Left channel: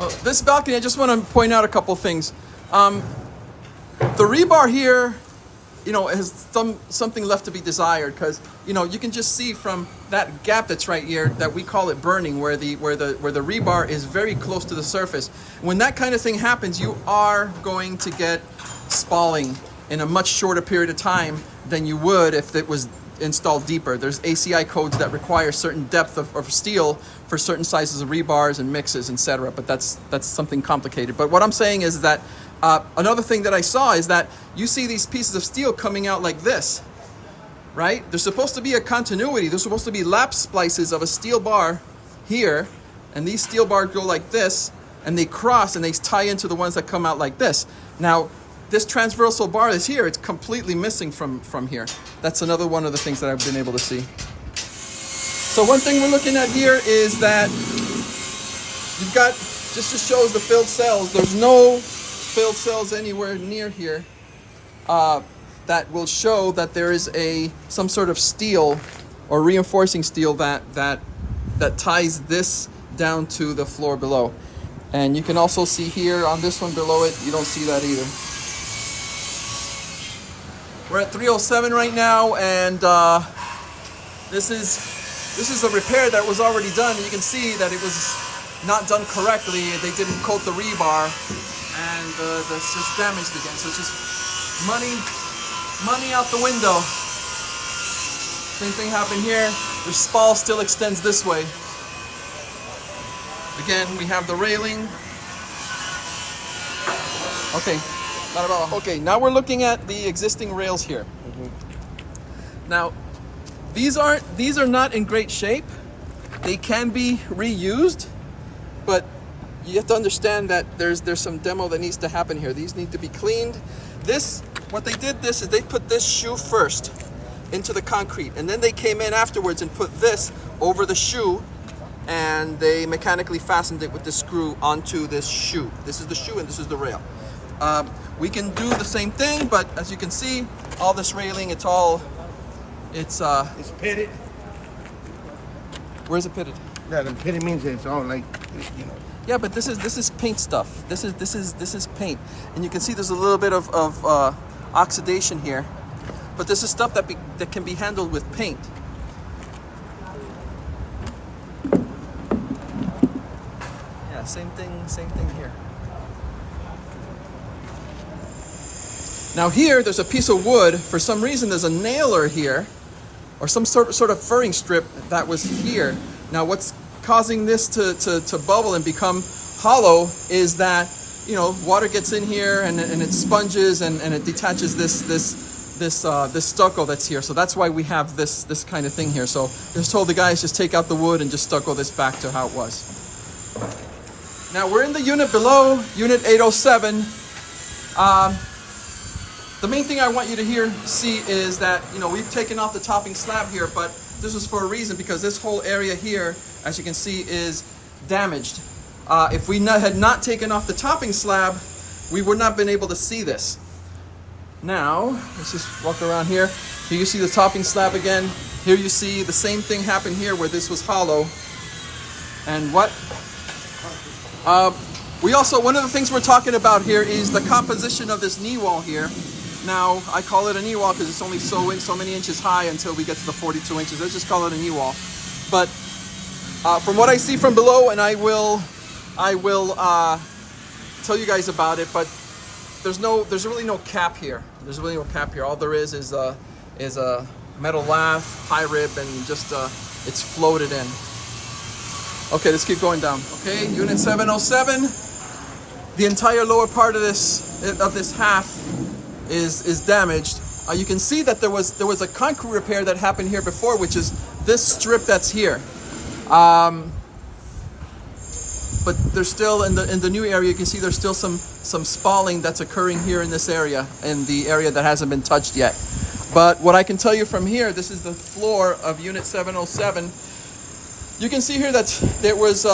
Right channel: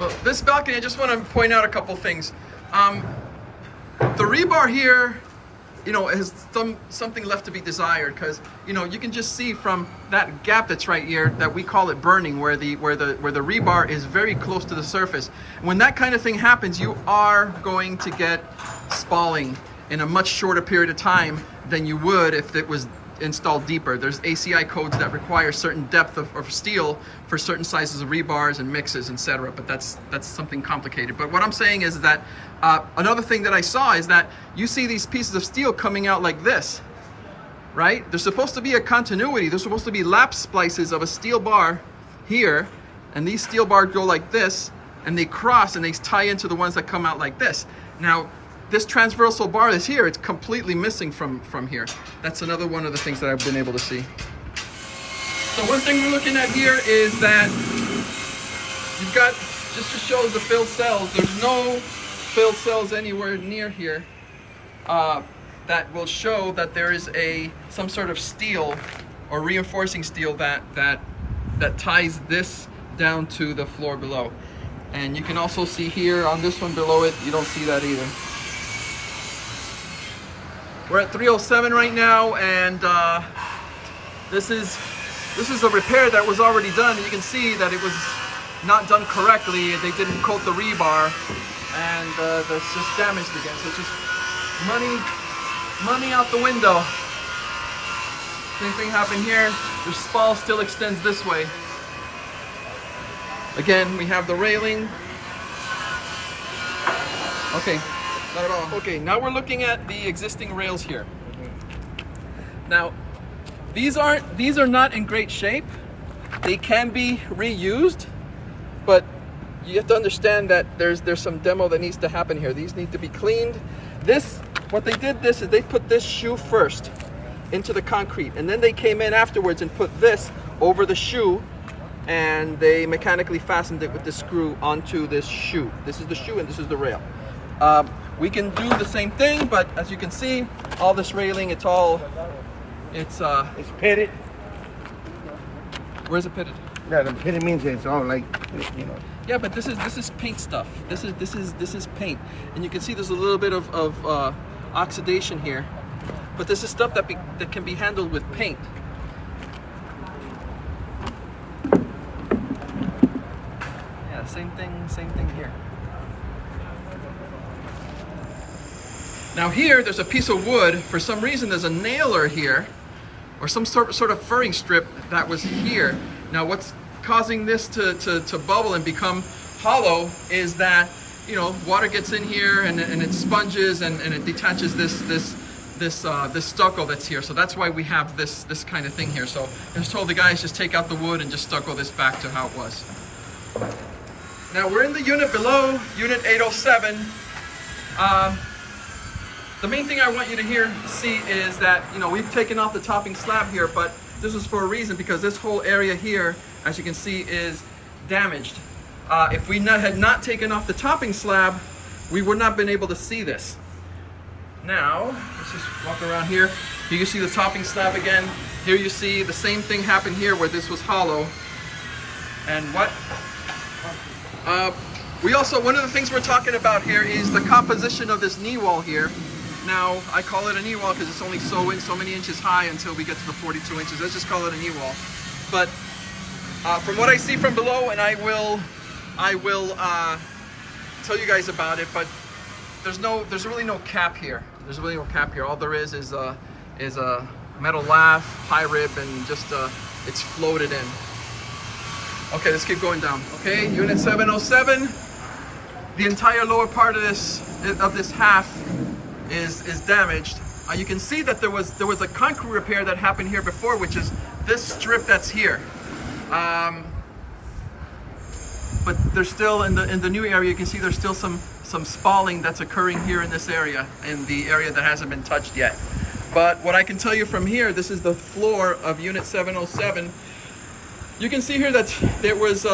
Well, this balcony, I just want to point out a couple things. The rebar here, you know, has something left to be desired, because you know you can just see from that gap that's right here that we call it burning, where the rebar is very close to the surface. When that kind of thing happens, you are going to get spalling in a much shorter period of time than you would if it was installed deeper. There's ACI codes that require certain depth of steel for certain sizes of rebars and mixes, etc. But that's something complicated. But what I'm saying is that another thing that I saw is that you see these pieces of steel coming out like this, right? There's supposed to be a continuity. There's supposed to be lap splices of a steel bar here, and these steel bars go like this, and they cross and they tie into the ones that come out like this. Now, this transversal bar is here. It's completely missing from here. That's another one of the things that I've been able to see. So one thing we're looking at here is that you've got, just shows the filled cells. There's no filled cells anywhere near here that will show that there is some sort of steel or reinforcing steel that ties this down to the floor below. And you can also see here on this one below it, you don't see that either. We're at 307 right now, and this is a repair that was already done. You can see that it was not done correctly. They didn't coat the rebar, and that's just damaged again. So it's just money out the window. Same thing happened here. The spall still extends this way. Again, we have the railing. Okay. Not at all. Okay, now we're looking at the existing rails here. Now, these are not in great shape. They can be reused, but you have to understand that there's some demo that needs to happen here. These need to be cleaned. What they did is they put this shoe first into the concrete, and then they came in afterwards and put this over the shoe, and they mechanically fastened it with the screw onto this shoe. This is the shoe and this is the rail. We can do the same thing, but as you can see, all this railing, it's pitted. Where's it pitted? Yeah, the pitted means it's all like, you know. Yeah, but this is paint stuff. This is paint, and you can see there's a little bit of oxidation here, but this is stuff that can be handled with paint. Yeah, same thing here. Now here, there's a piece of wood. For some reason, there's a nailer here, or some sort of furring strip that was here. Now what's causing this to bubble and become hollow is that, you know, water gets in here and it sponges and it detaches this stucco that's here. So that's why we have this kind of thing here. So I just told the guys, just take out the wood and just stucco this back to how it was. Now we're in the unit below, unit 807. The main thing I want you to see is that, you know, we've taken off the topping slab here, but this is for a reason, because this whole area here, as you can see, is damaged. If we had not taken off the topping slab, we would not have been able to see this. Now, let's just walk around here. Here you see the topping slab again. Here you see the same thing happen here where this was hollow. And one of the things we're talking about here is the composition of this knee wall here. Now, I call it a knee wall because it's only so many inches high until we get to the 42 inches. Let's just call it a knee wall. But from what I see from below, and I will tell you guys about it, but there's really no cap here. There's really no cap here. All there is a metal lath, high rib, and just it's floated in. Okay, let's keep going down. Okay, unit 707. The entire lower part of this half is damaged. You can see that there was a concrete repair that happened here before, which is this strip that's here. But there's still in the new area, you can see there's still some spalling that's occurring here in this area, in the area that hasn't been touched yet. But what I can tell you from here, this is the floor of unit 707. You can see here that there was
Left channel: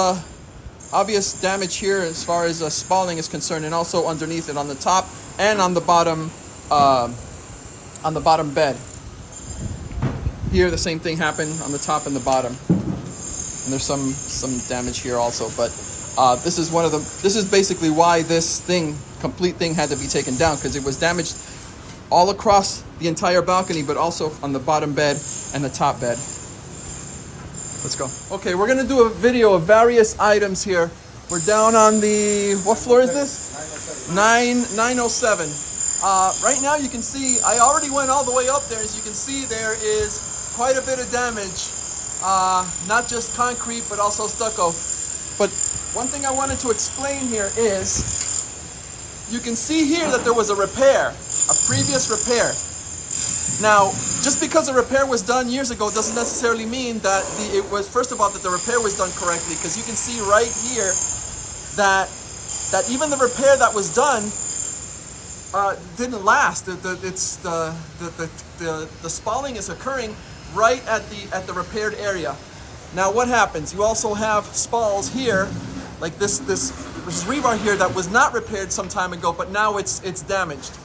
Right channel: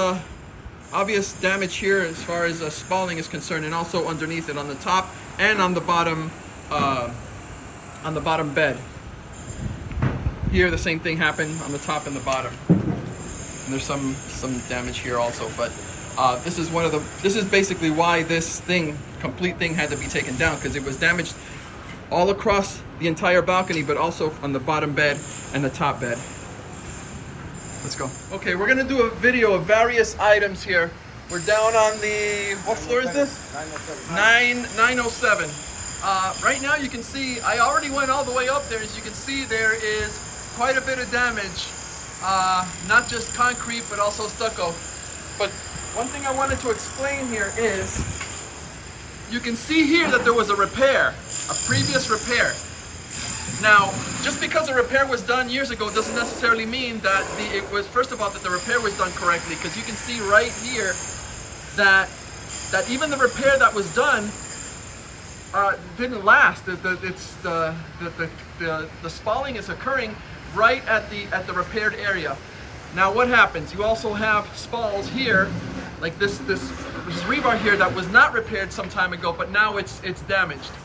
obvious damage here as far as spalling is concerned, and also underneath it on the top and on the bottom bed. Here the same thing happened on the top and the bottom. And there's some damage here also, but This is basically why this complete thing had to be taken down, because it was damaged all across the entire balcony, but also on the bottom bed and the top bed. Let's go. Okay, we're gonna do a video of various items here. We're down on the, what floor is this? 907. Right now you can see, I already went all the way up there. As you can see, there is quite a bit of damage. Not just concrete, but also stucco. But one thing I wanted to explain here is, you can see here that there was a repair, a previous repair. Now, just because a repair was done years ago doesn't necessarily mean that first of all, that the repair was done correctly, because you can see right here that even the repair that was done didn't last. The spalling is occurring right at the repaired area. Now what happens? You also have spalls here, like this rebar here that was not repaired some time ago, but now it's damaged.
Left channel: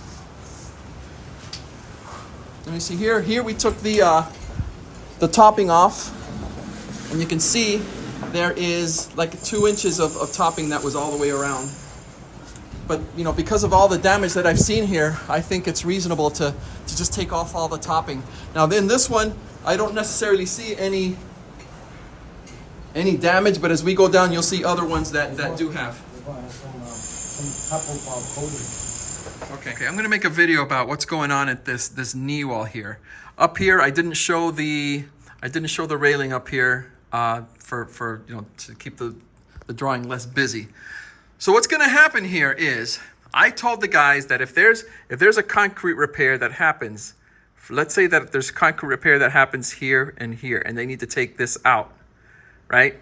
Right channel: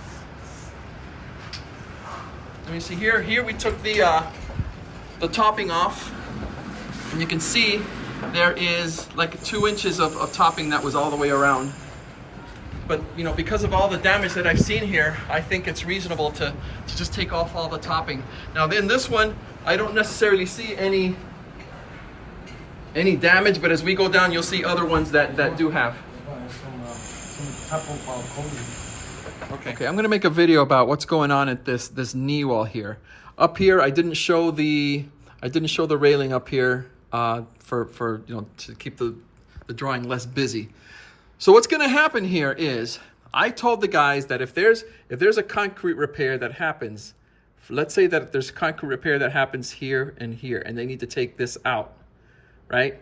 Let me see here. Here we took the topping off, and you can see there is like 2 inches of topping that was all the way around. But you know, because of all the damage that I've seen here, I think it's reasonable to just take off all the topping. Now in this one, I don't necessarily see any damage, but as we go down, you'll see other ones that do have. Okay, I'm gonna make a video about what's going on at this knee wall here. Up here, I didn't show the railing up here for you know, to keep the drawing less busy. So what's gonna happen here is, I told the guys that if there's a concrete repair that happens, let's say that there's concrete repair that happens here, and they need to take this out, right?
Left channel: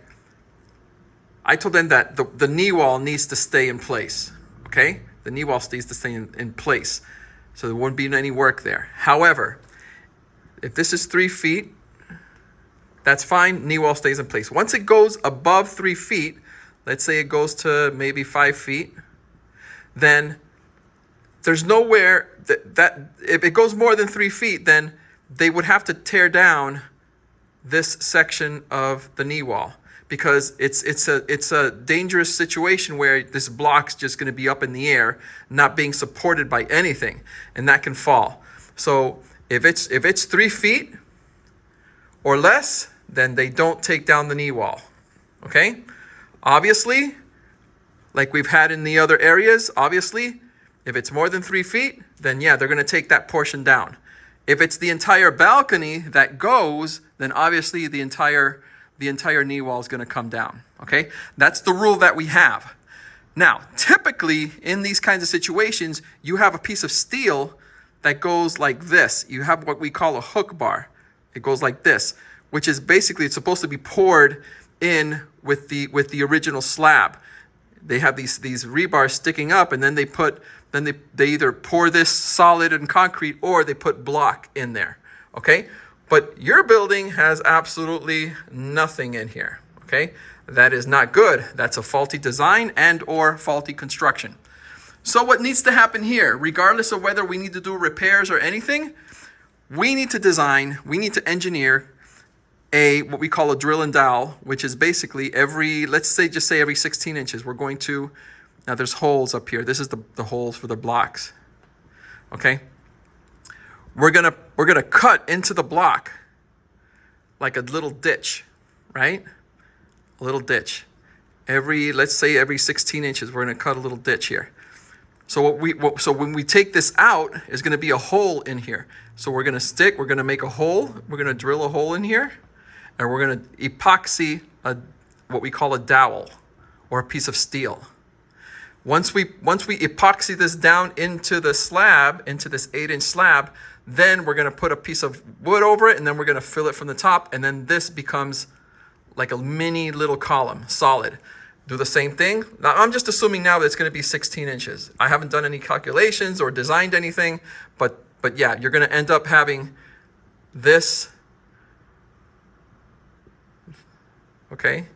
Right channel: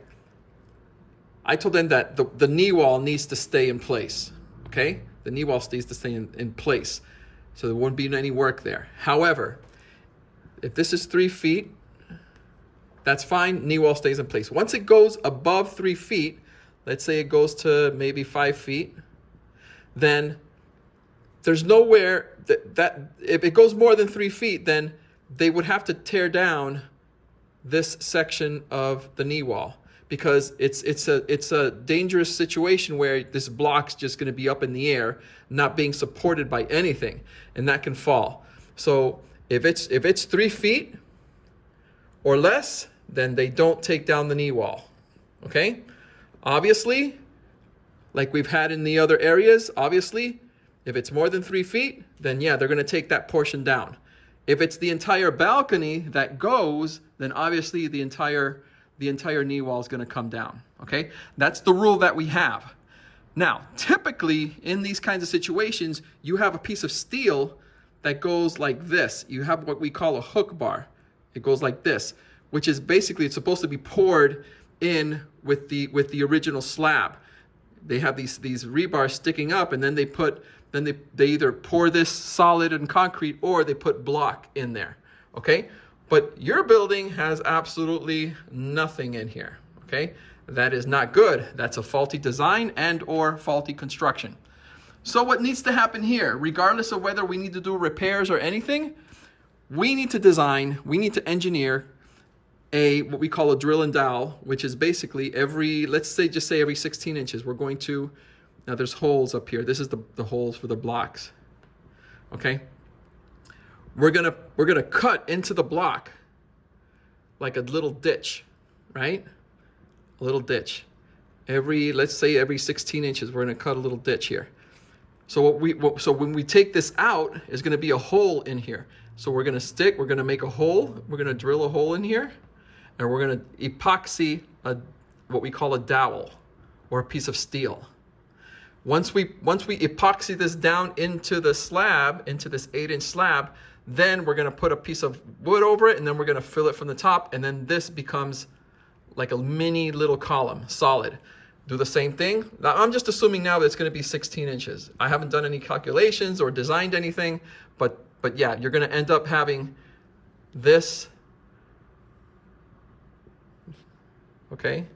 I told them that the knee wall needs to stay in place, okay? The knee wall needs to stay in place, so there wouldn't be any work there. However, if this is 3 feet, that's fine, knee wall stays in place. Once it goes above 3 feet, let's say it goes to maybe 5 feet, then there's nowhere that if it goes more than 3 feet, then they would have to tear down this section of the knee wall, because it's a dangerous situation where this block's just going to be up in the air, not being supported by anything, and that can fall. So if it's 3 feet or less, then they don't take down the knee wall. Okay? Obviously, like we've had in the other areas, obviously, if it's more than 3 feet, then yeah, they're going to take that portion down. If it's the entire balcony that goes, then obviously the entire knee wall is going to come down. Okay? That's the rule that we have. Now, typically in these kinds of situations, you have a piece of steel that goes like this. You have what we call a hook bar. It goes like this, which is basically, it's supposed to be poured in with the original slab. They have these rebars sticking up, and then they either pour this solid and concrete, or they put block in there. Okay? But your building has absolutely nothing in here. Okay? That is not good. That's a faulty design and or faulty construction. So what needs to happen here, regardless of whether we need to do repairs or anything, we need to design, we need to engineer what we call a drill and dowel, which is basically let's say every 16 inches, we're going to, now there's holes up here. This is the holes for the blocks. Okay? We're gonna cut into the block like a little ditch, right? A little ditch. Let's say every 16 inches, we're gonna cut a little ditch here. So so when we take this out, there's gonna be a hole in here. So we're gonna make a hole, we're gonna drill a hole in here, and we're gonna epoxy what we call a dowel, or a piece of steel. Once we epoxy this down into the slab, into this 8-inch slab, then we're gonna put a piece of wood over it, and then we're gonna fill it from the top, and then this becomes like a mini little column, solid. Do the same thing. Now I'm just assuming now that it's gonna be 16 inches. I haven't done any calculations or designed anything, but yeah, you're gonna end up having this, okay?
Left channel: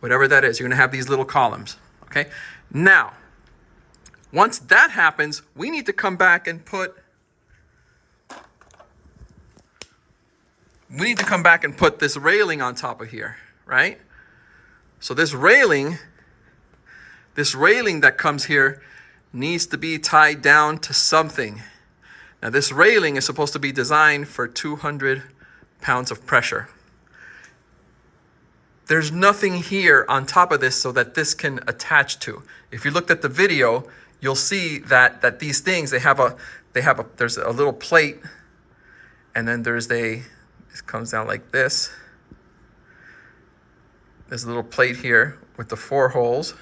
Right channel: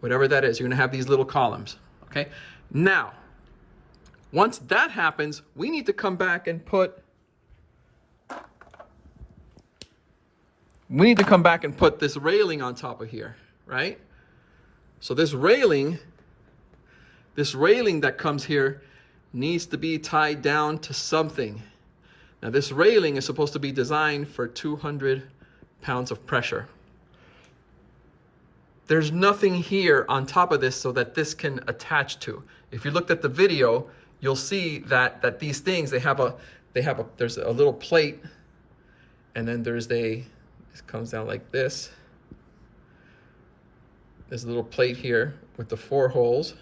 Whatever that is, you're gonna have these little columns, okay? Now, once that happens, we need to come back and put this railing on top of here, right? So this railing that comes here needs to be tied down to something. Now this railing is supposed to be designed for 200 pounds of pressure. There's nothing here on top of this so that this can attach to. If you looked at the video, you'll see that these things, there's a little plate, and then it comes down like this. There's a little plate here with the 4 holes.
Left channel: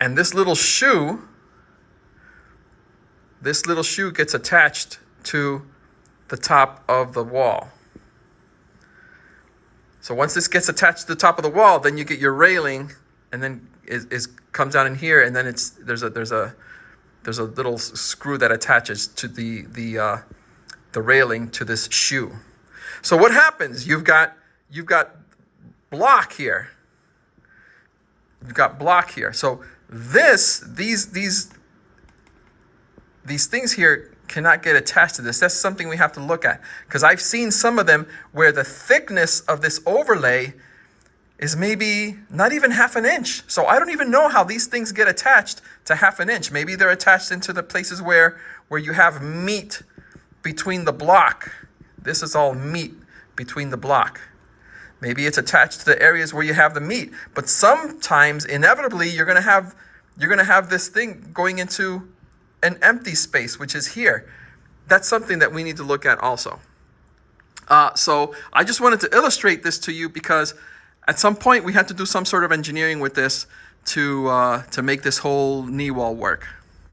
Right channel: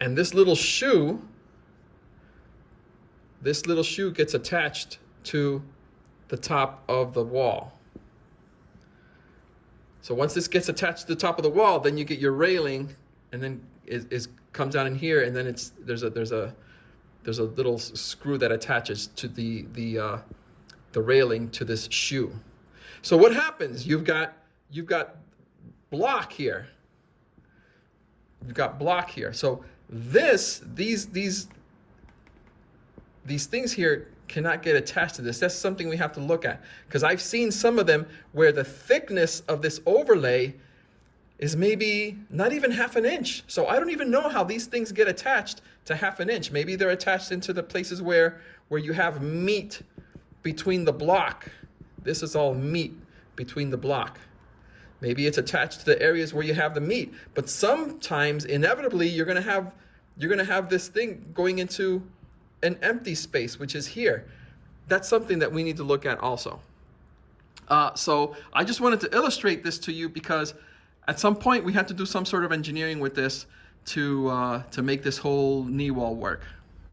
And this little shoe gets attached to the top of the wall. So once this gets attached to the top of the wall, then you get your railing, and then it comes down in here, and then there's a little screw that attaches to the railing to this shoe. So what happens? You've got block here. You've got block here. So these things here cannot get attached to this. That's something we have to look at, because I've seen some of them where the thickness of this overlay is maybe not even 1/2 inch. So I don't even know how these things get attached to 1/2 inch. Maybe they're attached into the places where you have meat between the block. This is all meat between the block. Maybe it's attached to the areas where you have the meat. But sometimes, inevitably, you're gonna have this thing going into an empty space, which is here. That's something that we need to look at also. So I just wanted to illustrate this to you, because at some point we had to do some sort of engineering with this to make this whole knee wall work.